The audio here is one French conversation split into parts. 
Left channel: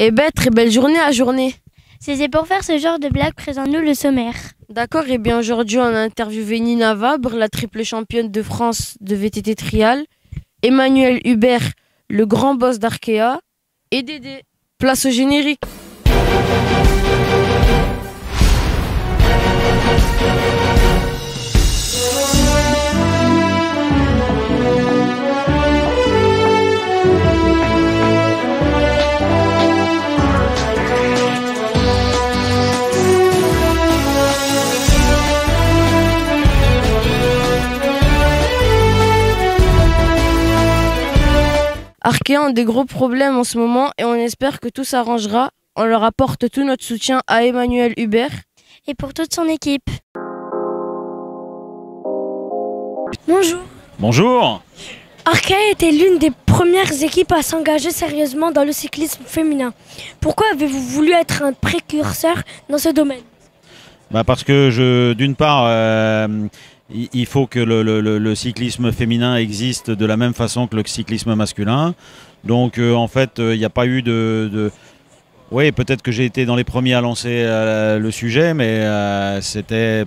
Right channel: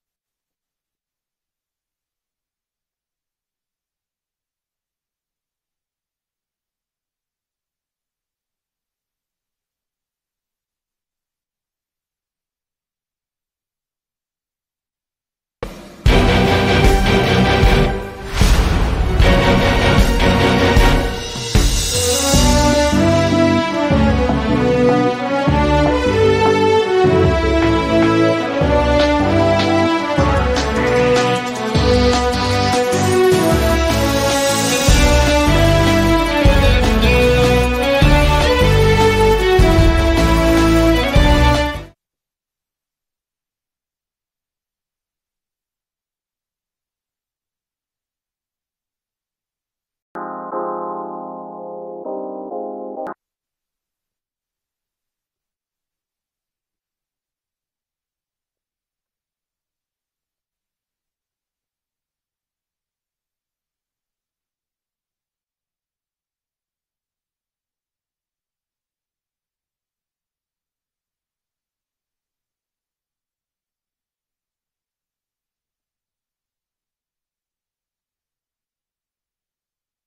Eh ben, très belle journée à journée. C'est pour faire ce genre de blague, présente-nous le sommaire. D'accord, et bien aujourd'hui on a interviewé Nina Vabre, la triple championne de France de VTT trial, Emmanuel Hubert, le grand boss d'Arkea, et Dédé. Place au générique. Arkea a des gros problèmes en ce moment et on espère que tout s'arrangera. On leur apporte tout notre soutien à Emmanuel Hubert et pour toute son équipe. Bonjour. Bonjour. Arkea était l'une des premières équipes à s'engager sérieusement dans le cyclisme féminin. Pourquoi avez-vous voulu être un précurseur dans ce domaine? Parce que d'une part, il faut que le cyclisme féminin existe de la même façon que le cyclisme masculin. Donc en fait, il n'y a pas eu Oui, peut-être que j'ai été dans les premiers à lancer le sujet, mais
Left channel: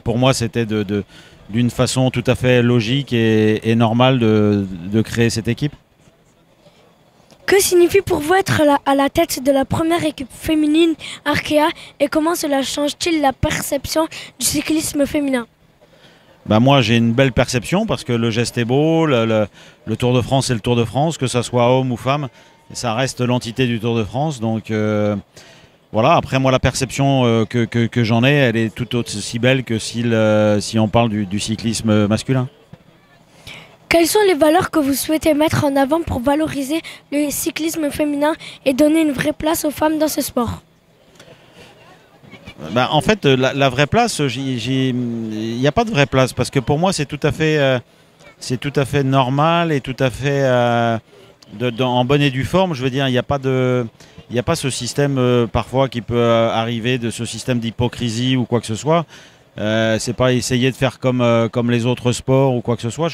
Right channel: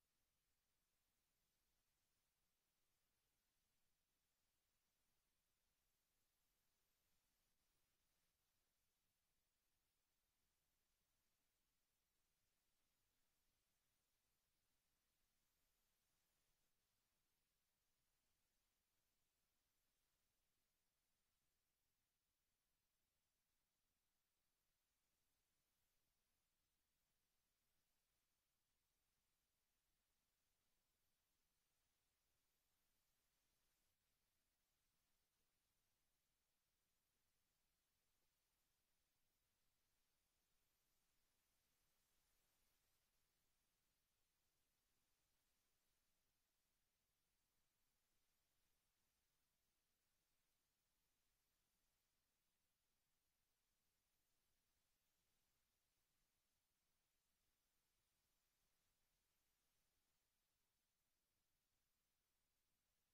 pour moi, c'était d'une façon tout à fait logique et normale de créer cette équipe. Que signifie pour vous être à la tête de la première équipe féminine Arkea et comment cela change-t-il la perception du cyclisme féminin? Moi, j'ai une belle perception parce que le geste est beau, le Tour de France, c'est le Tour de France, que ce soit homme ou femme, ça reste l'entité du Tour de France. Donc voilà, après moi, la perception que j'en ai, elle est tout aussi belle que si on parle du cyclisme masculin. Quelles sont les valeurs que vous souhaitez mettre en avant pour valoriser le cyclisme féminin et donner une vraie place aux femmes dans ce sport? En fait, la vraie place, il n'y a pas de vraie place parce que pour moi, c'est tout à fait normal et tout à fait en bonne et due forme. Je veux dire, il n'y a pas ce système parfois qui peut arriver, de ce système d'hypocrisie ou quoi que ce soit. C'est pas essayer de faire comme les autres sports ou quoi que ce soit.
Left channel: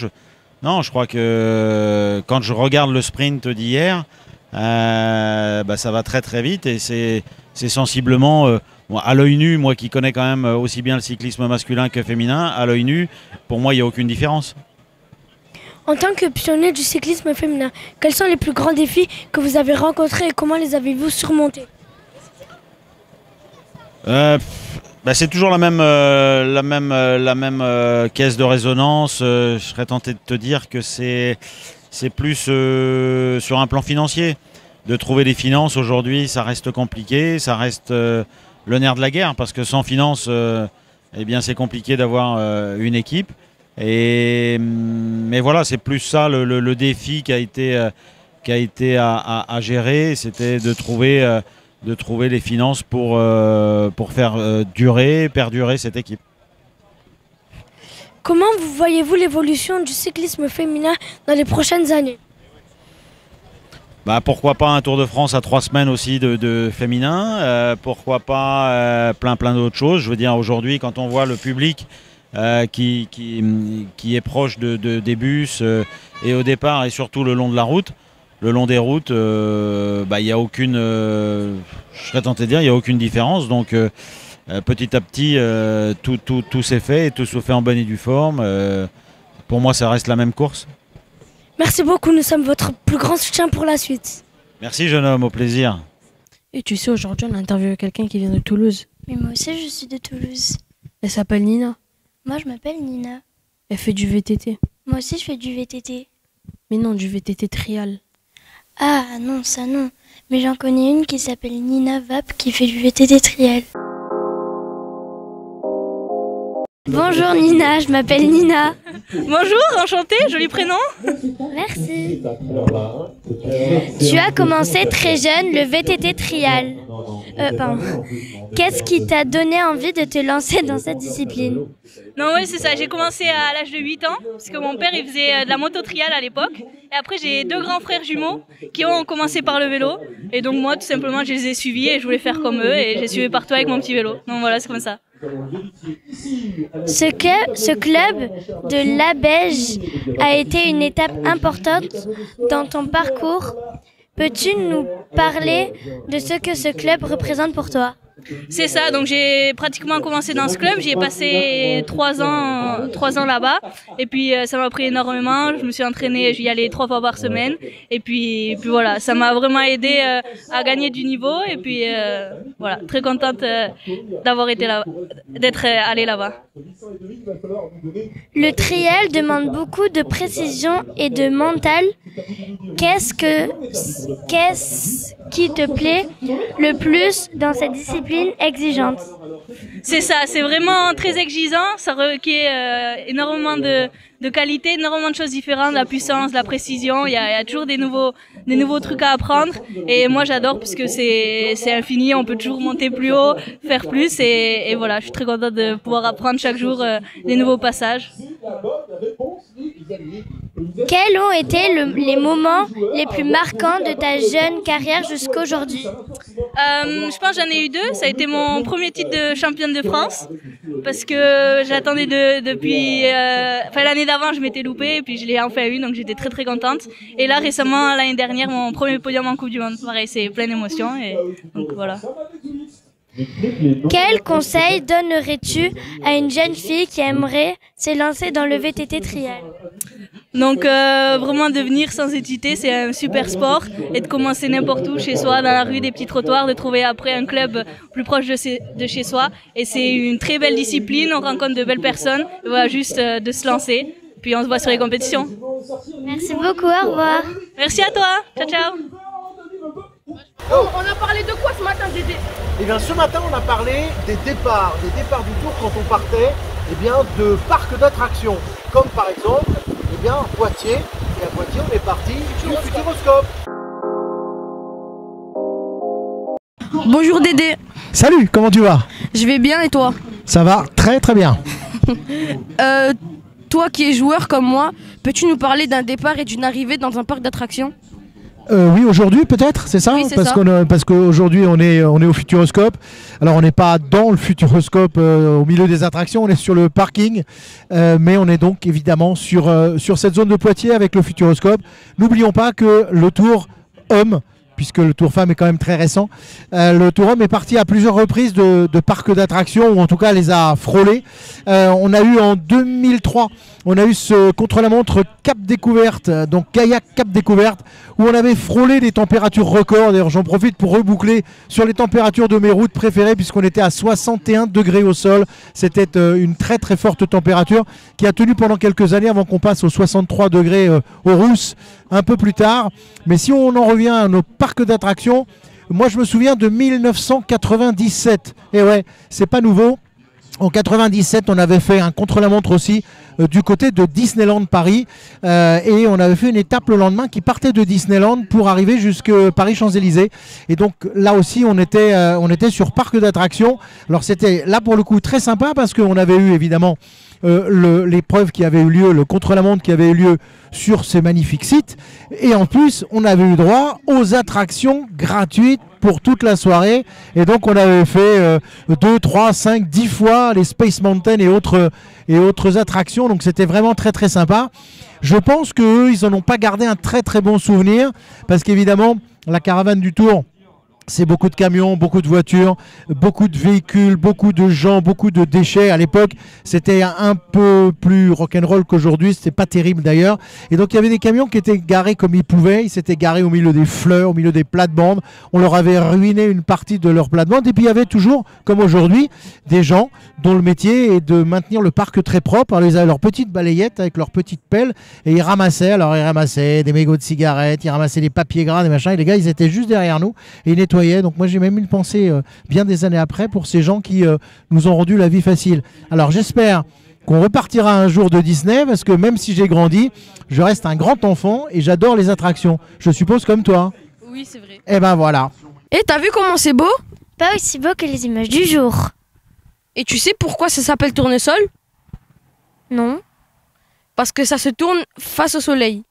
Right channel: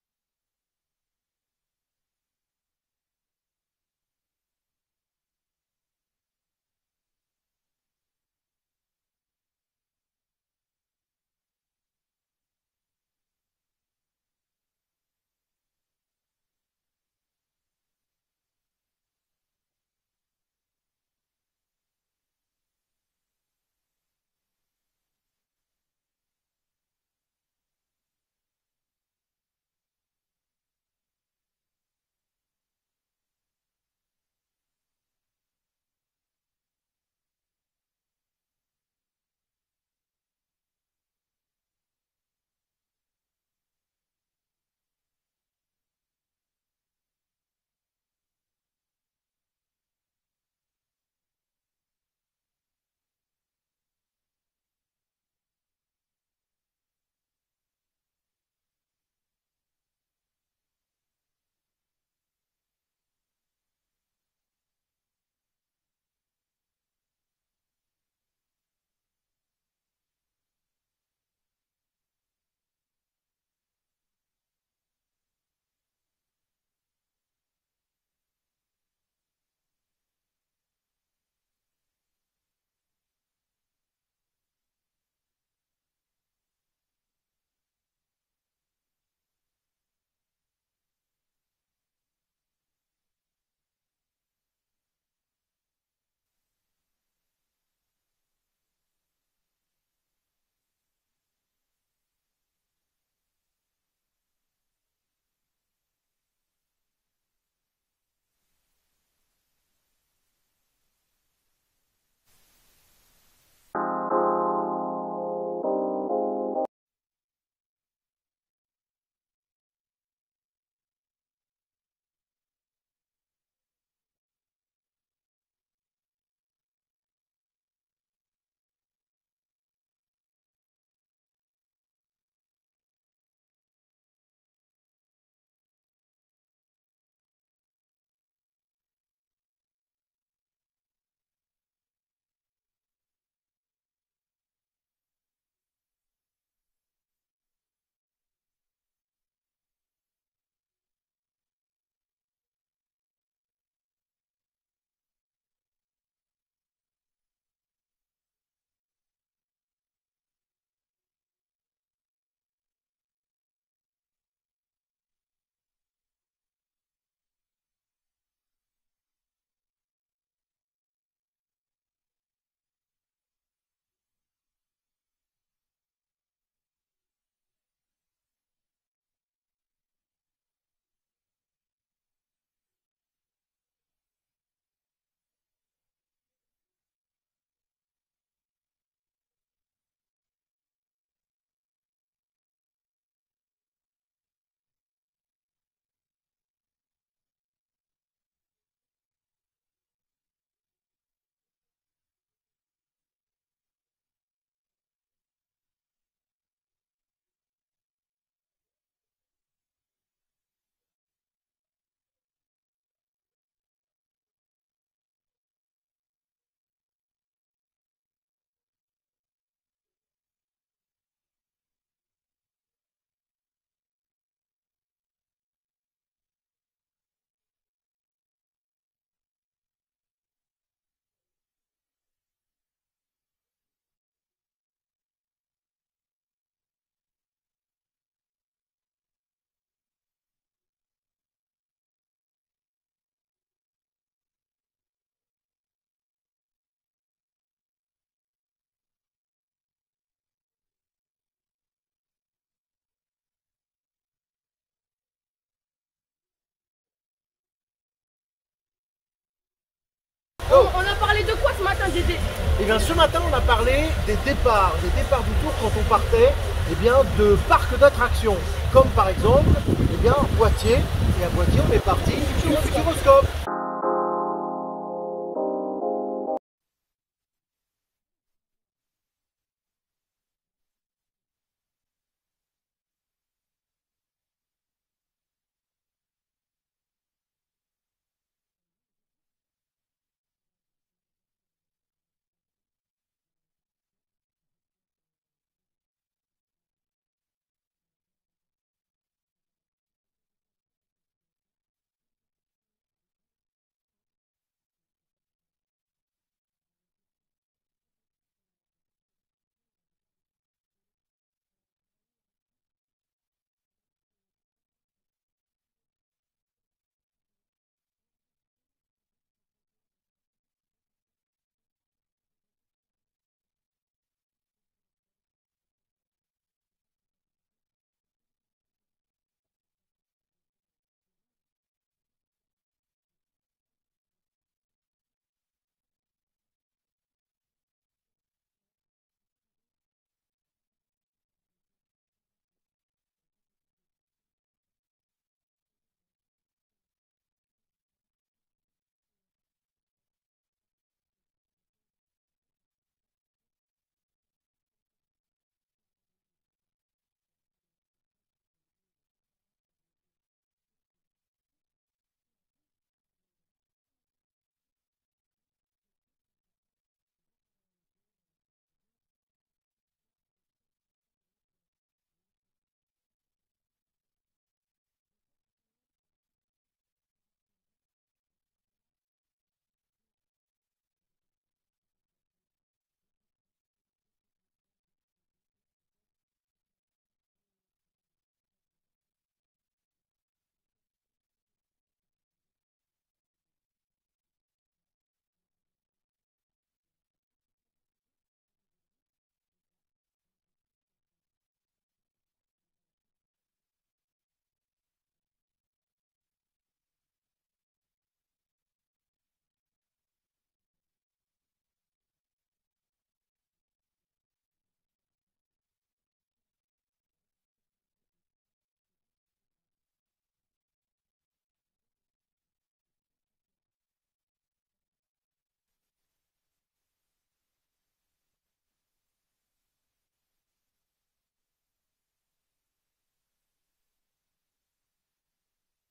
Non, je crois que quand je regarde le sprint d'hier, ça va très très vite et c'est sensiblement, à l'œil nu, moi qui connais quand même aussi bien le cyclisme masculin que féminin, à l'œil nu, pour moi il n'y a aucune différence. En tant que pionnier du cyclisme féminin, quels sont les plus grands défis que vous avez rencontrés et comment les avez-vous surmontés? C'est toujours la même caisse de résonance. Je serais tenté de te dire que c'est plus sur un plan financier. De trouver des finances aujourd'hui, ça reste compliqué, ça reste le nerf de la guerre parce que sans finances, c'est compliqué d'avoir une équipe. Mais voilà, c'est plus ça le défi qui a été à gérer, c'était de trouver les finances pour faire perdurer cette équipe. Comment voyez-vous l'évolution du cyclisme féminin dans les prochaines années? Pourquoi pas un Tour de France à 3 semaines aussi de féminin, pourquoi pas plein d'autres choses. Je veux dire, aujourd'hui, quand on voit le public qui est proche des bus et au départ et surtout le long de la route, le long des routes, il y a aucune, je serais tenté de dire, il n'y a aucune différence. Donc petit à petit, tout s'est fait et tout se fait en bonne et due forme. Pour moi, ça reste la même course. Merci beaucoup, nous sommes votre plus grand soutien pour la suite. Merci jeune homme, au plaisir. Et tu sais, aujourd'hui on a interviewé quelqu'un qui vient de Toulouse. Mais moi aussi je suis de Toulouse. Elle s'appelle Nina. Moi je m'appelle Nina. Elle fait du VTT. Moi aussi je fais du VTT. Mais non, du VTT trial. Ah non, ça non. Mais j'en connais une qui s'appelle Nina Vabre qui fait du VTT trial. Bonjour Nina, je m'appelle Nina. Bonjour, enchantée, joli prénom. Merci. Tu as commencé très jeune le VTT trial. Qu'est-ce qui t'a donné envie de te lancer dans cette discipline? Non, oui, c'est ça. J'ai commencé à l'âge de 8 ans, parce que mon père il faisait de la moto trial à l'époque. Et après, j'ai 2 grands frères jumeaux qui ont commencé par le vélo. Et donc moi, tout simplement, je les ai suivis et je voulais faire comme eux. Et j'ai suivi partout avec mon petit vélo. Donc voilà, c'est comme ça. Ce club de l'Abège a été une étape importante dans ton parcours. Peux-tu nous parler de ce que ce club représente pour toi? C'est ça, donc j'ai pratiquement commencé dans ce club, j'y ai passé 3 ans là-bas, et puis ça m'a pris énormément, je me suis entraînée, j'y allais 3 fois par semaine, et puis voilà, ça m'a vraiment aidé à gagner du niveau, et puis voilà, très contente d'avoir été là, d'être allée là-bas. Le trial demande beaucoup de précision et de mental. Qu'est-ce qui te plaît le plus dans cette discipline exigeante? C'est ça, c'est vraiment très exigeant, ça requiert énormément de qualité, énormément de choses différentes, la puissance, la précision, il y a toujours des nouveaux trucs à apprendre, et moi j'adore puisque c'est infini, on peut toujours monter plus haut, faire plus, et voilà, je suis très contente de pouvoir apprendre chaque jour des nouveaux passages. Quels ont été les moments les plus marquants de ta jeune carrière jusqu'à aujourd'hui? Je pense que j'en ai eu 2. Ça a été mon premier titre de championne de France parce que j'attendais depuis l'année d'avant, je m'étais loupée et puis je l'ai enfin eu, donc j'étais très très contente. Et là récemment, l'année dernière, mon premier podium en Coupe du Monde. Pareil, c'est plein d'émotions et donc voilà. Quel conseil donnerais-tu à une jeune fille qui aimerait s'élancer dans le VTT trial? Donc vraiment de venir sans hésiter, c'est un super sport, et de commencer n'importe où, chez soi, dans la rue, des petits trottoirs, de trouver après un club plus proche de chez soi. Et c'est une très belle discipline, on rencontre de belles personnes, et voilà, juste de se lancer, puis on se voit sur les compétitions. Merci beaucoup, au revoir. Merci à toi, ciao ciao. On a parlé de quoi ce matin, Dédé? Eh bien, ce matin, on a parlé des départs du tour quand on partait de parcs d'attractions, comme par exemple Poitiers. Et à Poitiers, on est parti au Futuroscope. Bonjour Dédé. Salut, comment tu vas? Je vais bien et toi? Ça va très très bien. Toi qui es joueur comme moi, peux-tu nous parler d'un départ et d'une arrivée dans un parc d'attractions? Oui, aujourd'hui peut-être, c'est ça? Oui, c'est parce qu'aujourd'hui on est au Futuroscope. Alors on n'est pas dans le Futuroscope au milieu des attractions, on est sur le parking. Mais on est donc évidemment sur cette zone de Poitiers avec le Futuroscope. N'oublions pas que le Tour Homme, puisque le Tour Femme est quand même très récent, le Tour Homme est parti à plusieurs reprises de parcs d'attractions, ou en tout cas les a frôlés. On a eu en 2003, on a eu ce contre-la-montre Cap Découverte, donc Kayak Cap Découverte, où on avait frôlé des températures records. D'ailleurs, j'en profite pour reboucler sur les températures de mes routes préférées, puisqu'on était à 61 degrés au sol. C'était une très très forte température qui a tenu pendant quelques années avant qu'on passe aux 63 degrés aux Rousses un peu plus tard. Mais si on en revient à nos parcs d'attractions, moi je me souviens de 1997. Et ouais, c'est pas nouveau. En 97, on avait fait un contre-la-montre aussi du côté de Disneyland Paris, et on avait fait une étape le lendemain qui partait de Disneyland pour arriver jusqu'à Paris-Champs-Élysées. Et donc là aussi on était sur parc d'attractions. Alors c'était là pour le coup très sympa parce qu'on avait eu évidemment l'épreuve qui avait eu lieu, le contre-la-montre qui avait eu lieu sur ces magnifiques sites, et en plus on avait eu droit aux attractions gratuites pour toute la soirée. Et donc on avait fait 2, 3, 5, 10 fois les Space Mountain et autres attractions, donc c'était vraiment très très sympa. Je pense qu'eux, ils n'en ont pas gardé un très très bon souvenir, parce qu'évidemment la caravane du Tour, c'est beaucoup de camions, beaucoup de voitures, beaucoup de véhicules, beaucoup de gens, beaucoup de déchets. À l'époque, c'était un peu plus rock'n'roll qu'aujourd'hui. C'était pas terrible d'ailleurs. Et donc, il y avait des camions qui étaient garés comme ils pouvaient. Ils s'étaient garés au milieu des fleurs, au milieu des plates-bandes. On leur avait ruiné une partie de leurs plates-bandes. Et puis, il y avait toujours, comme aujourd'hui, des gens dont le métier est de maintenir le parc très propre. Alors, ils avaient leurs petites balayettes avec leurs petites pelles et ils ramassaient. Alors, ils ramassaient des mégots de cigarettes, ils ramassaient des papiers gras, des machins. Et les gars, ils étaient juste derrière nous et ils nettoyaient. Donc moi j'ai même une pensée bien des années après pour ces gens qui nous ont rendu la vie facile. Alors j'espère qu'on repartira un jour de Disney, parce que même si j'ai grandi, je reste un grand enfant et j'adore les attractions. Je suppose comme toi. Oui, c'est vrai. Et ben voilà. Et t'as vu comment c'est beau? Pas aussi beau que les images du jour. Et tu sais pourquoi ça s'appelle tournesol? Non. Parce que ça se tourne face au soleil.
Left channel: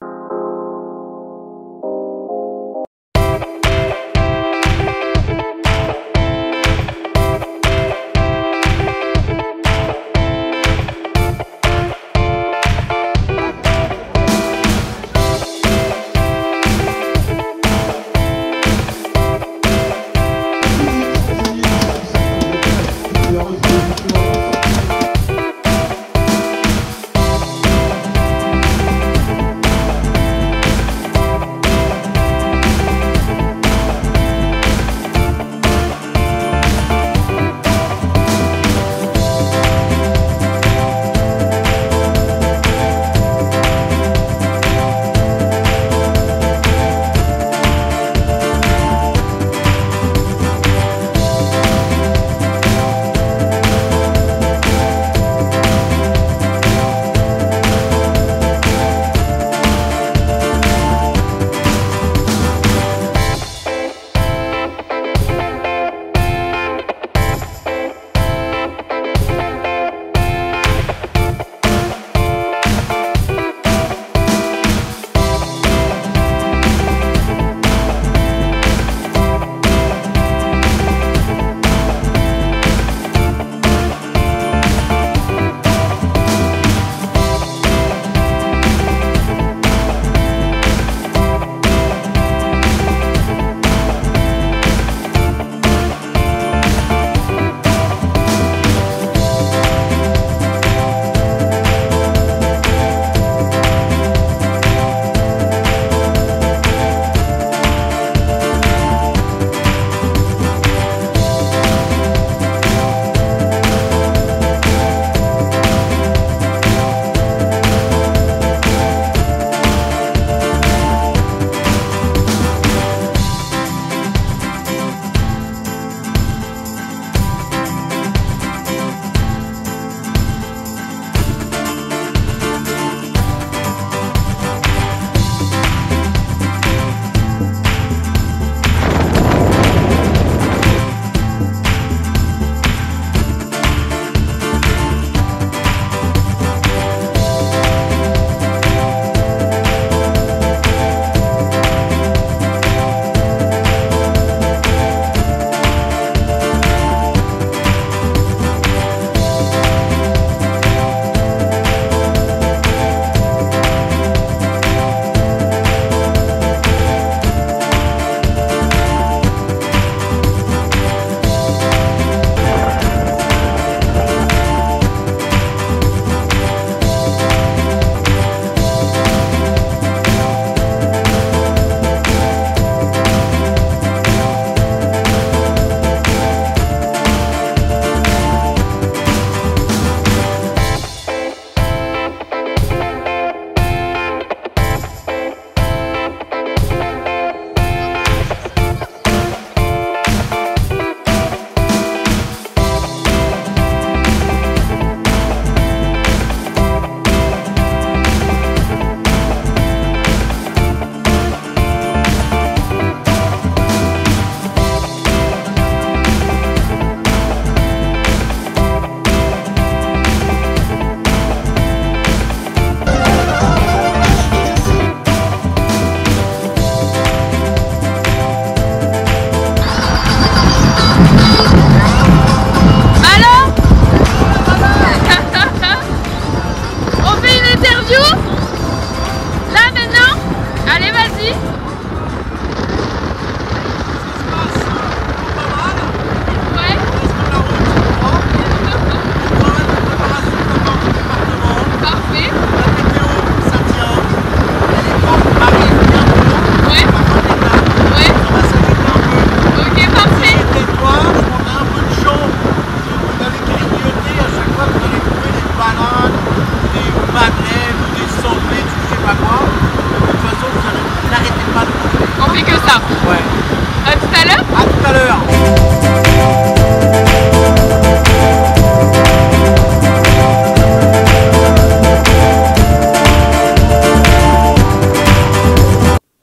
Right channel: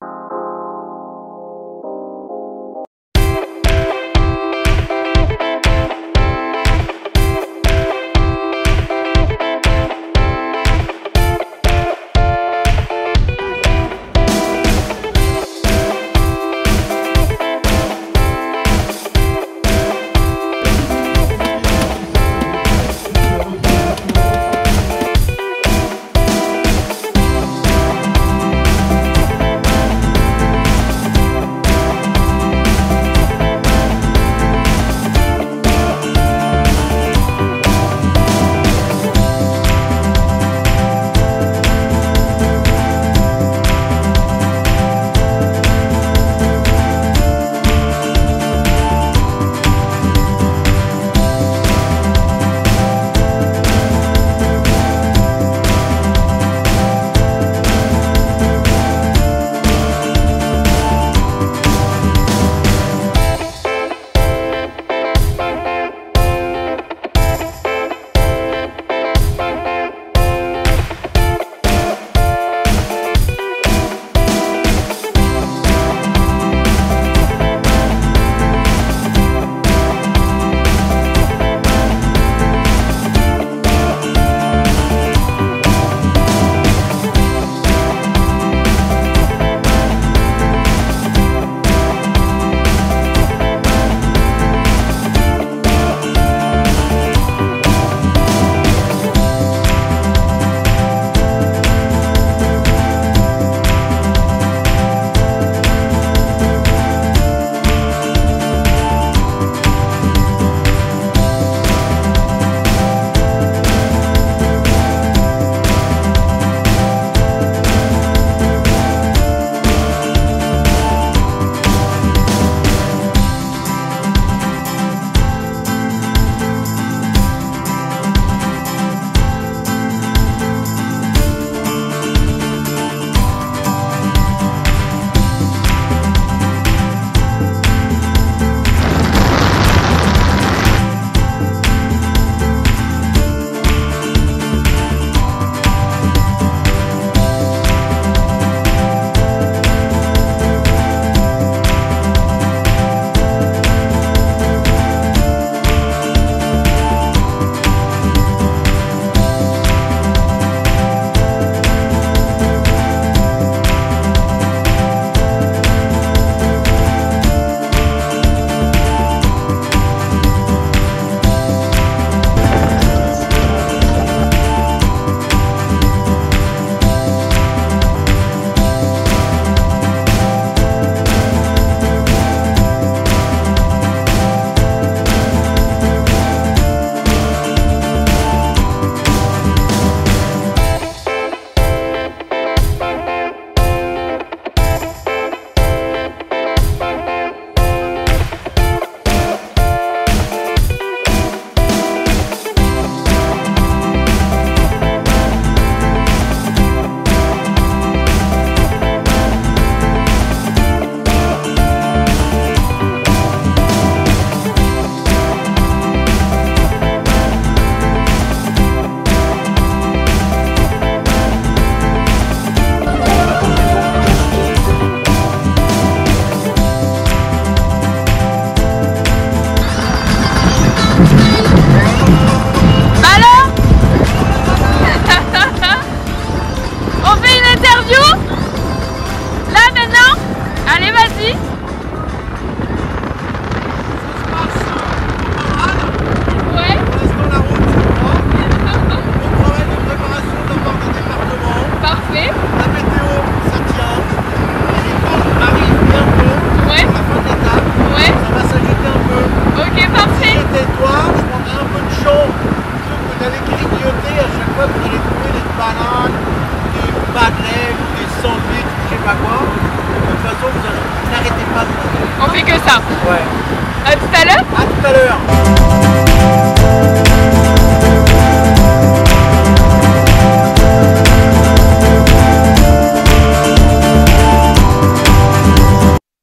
à l'heure.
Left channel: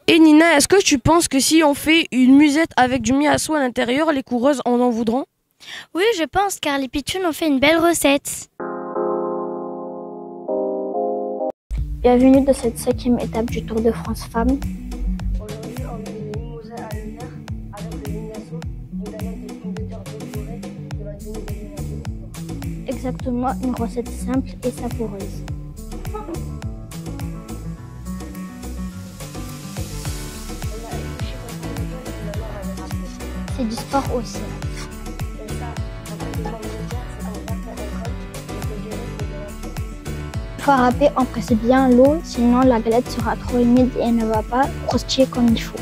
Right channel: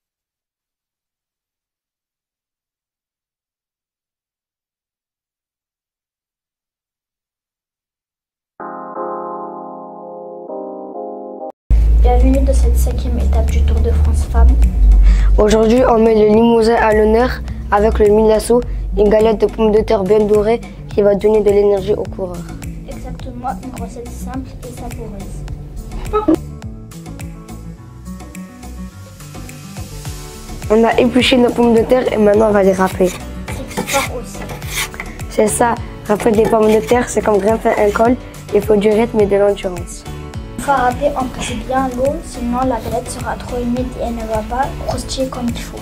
Et Nina, est-ce que tu penses que si on fait une musette avec du miasso à l'intérieur, les coureuses en voudront? Oui, je pense, car les pitchounes ont fait une belle recette. Bienvenue dans cette 5e étape du Tour de France Femmes. Aujourd'hui, on met le limousin à l'honneur avec le milasso, une galette de pommes de terre bien dorée qui va donner de l'énergie aux coureurs. Exactement, une recette simple et savoureuse. On a épluché nos pommes de terre et maintenant on va les râper. C'est du sport aussi. C'est ça, râper des pommes de terre, c'est comme grimper un col, il faut du rythme et de l'endurance. Pour râper, on presse bien l'eau, sinon la galette sera trop humide et ne va pas croustiller comme il faut.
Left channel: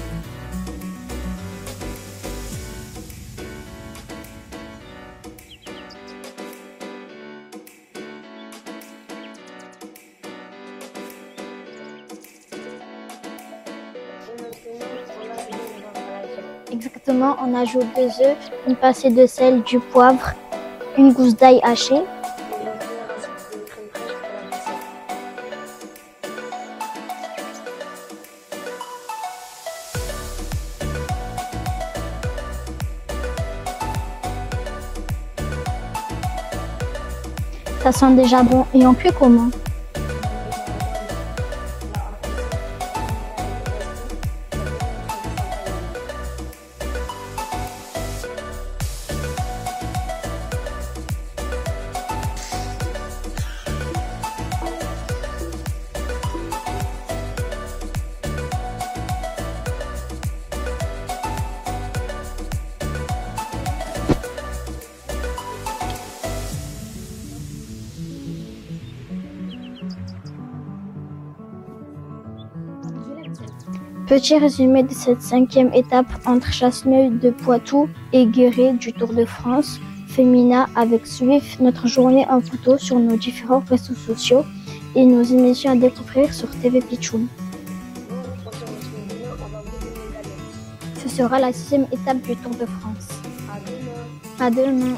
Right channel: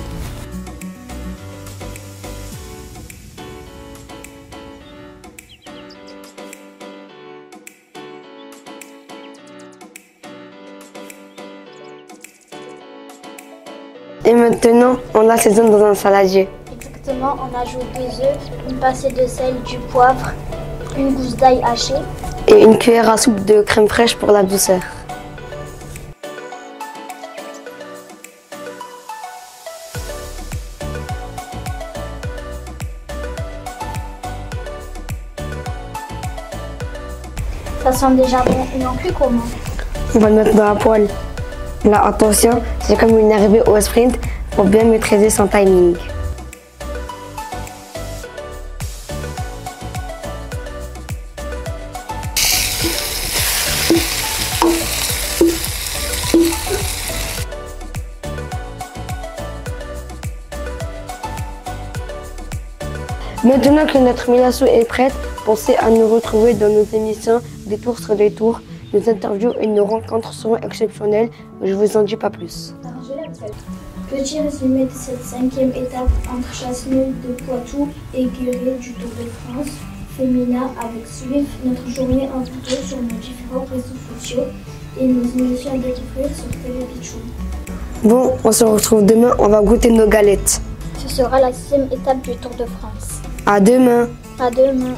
Et maintenant, on l'assaisonne dans un saladier. Exactement, on ajoute 2 œufs, une pincée de sel, du poivre, une gousse d'ail hachée. Et une cuillère à soupe de crème fraîche pour la douceur. Ça sent déjà bon, et on fait comment? On va le mettre dans la poêle. Là, attention, c'est comme une arrivée au sprint pour bien maîtriser son timing. Maintenant que notre milasso est prête, pensez à nous retrouver dans nos émissions des tours sur des tours. Nos interviews et nos rencontres seront exceptionnelles, mais je vous en dis pas plus. Petit résumé de cette 5e étape entre Chasseneuil de Poitou et Guéret du Tour de France féminin avec suivre notre journée en photo sur nos différents réseaux sociaux et nos émissions à découvrir sur TV Pitchoun. Bon, on se retrouve demain, on va goûter nos galettes. Ce sera la 6e étape du Tour de France. À demain. À demain.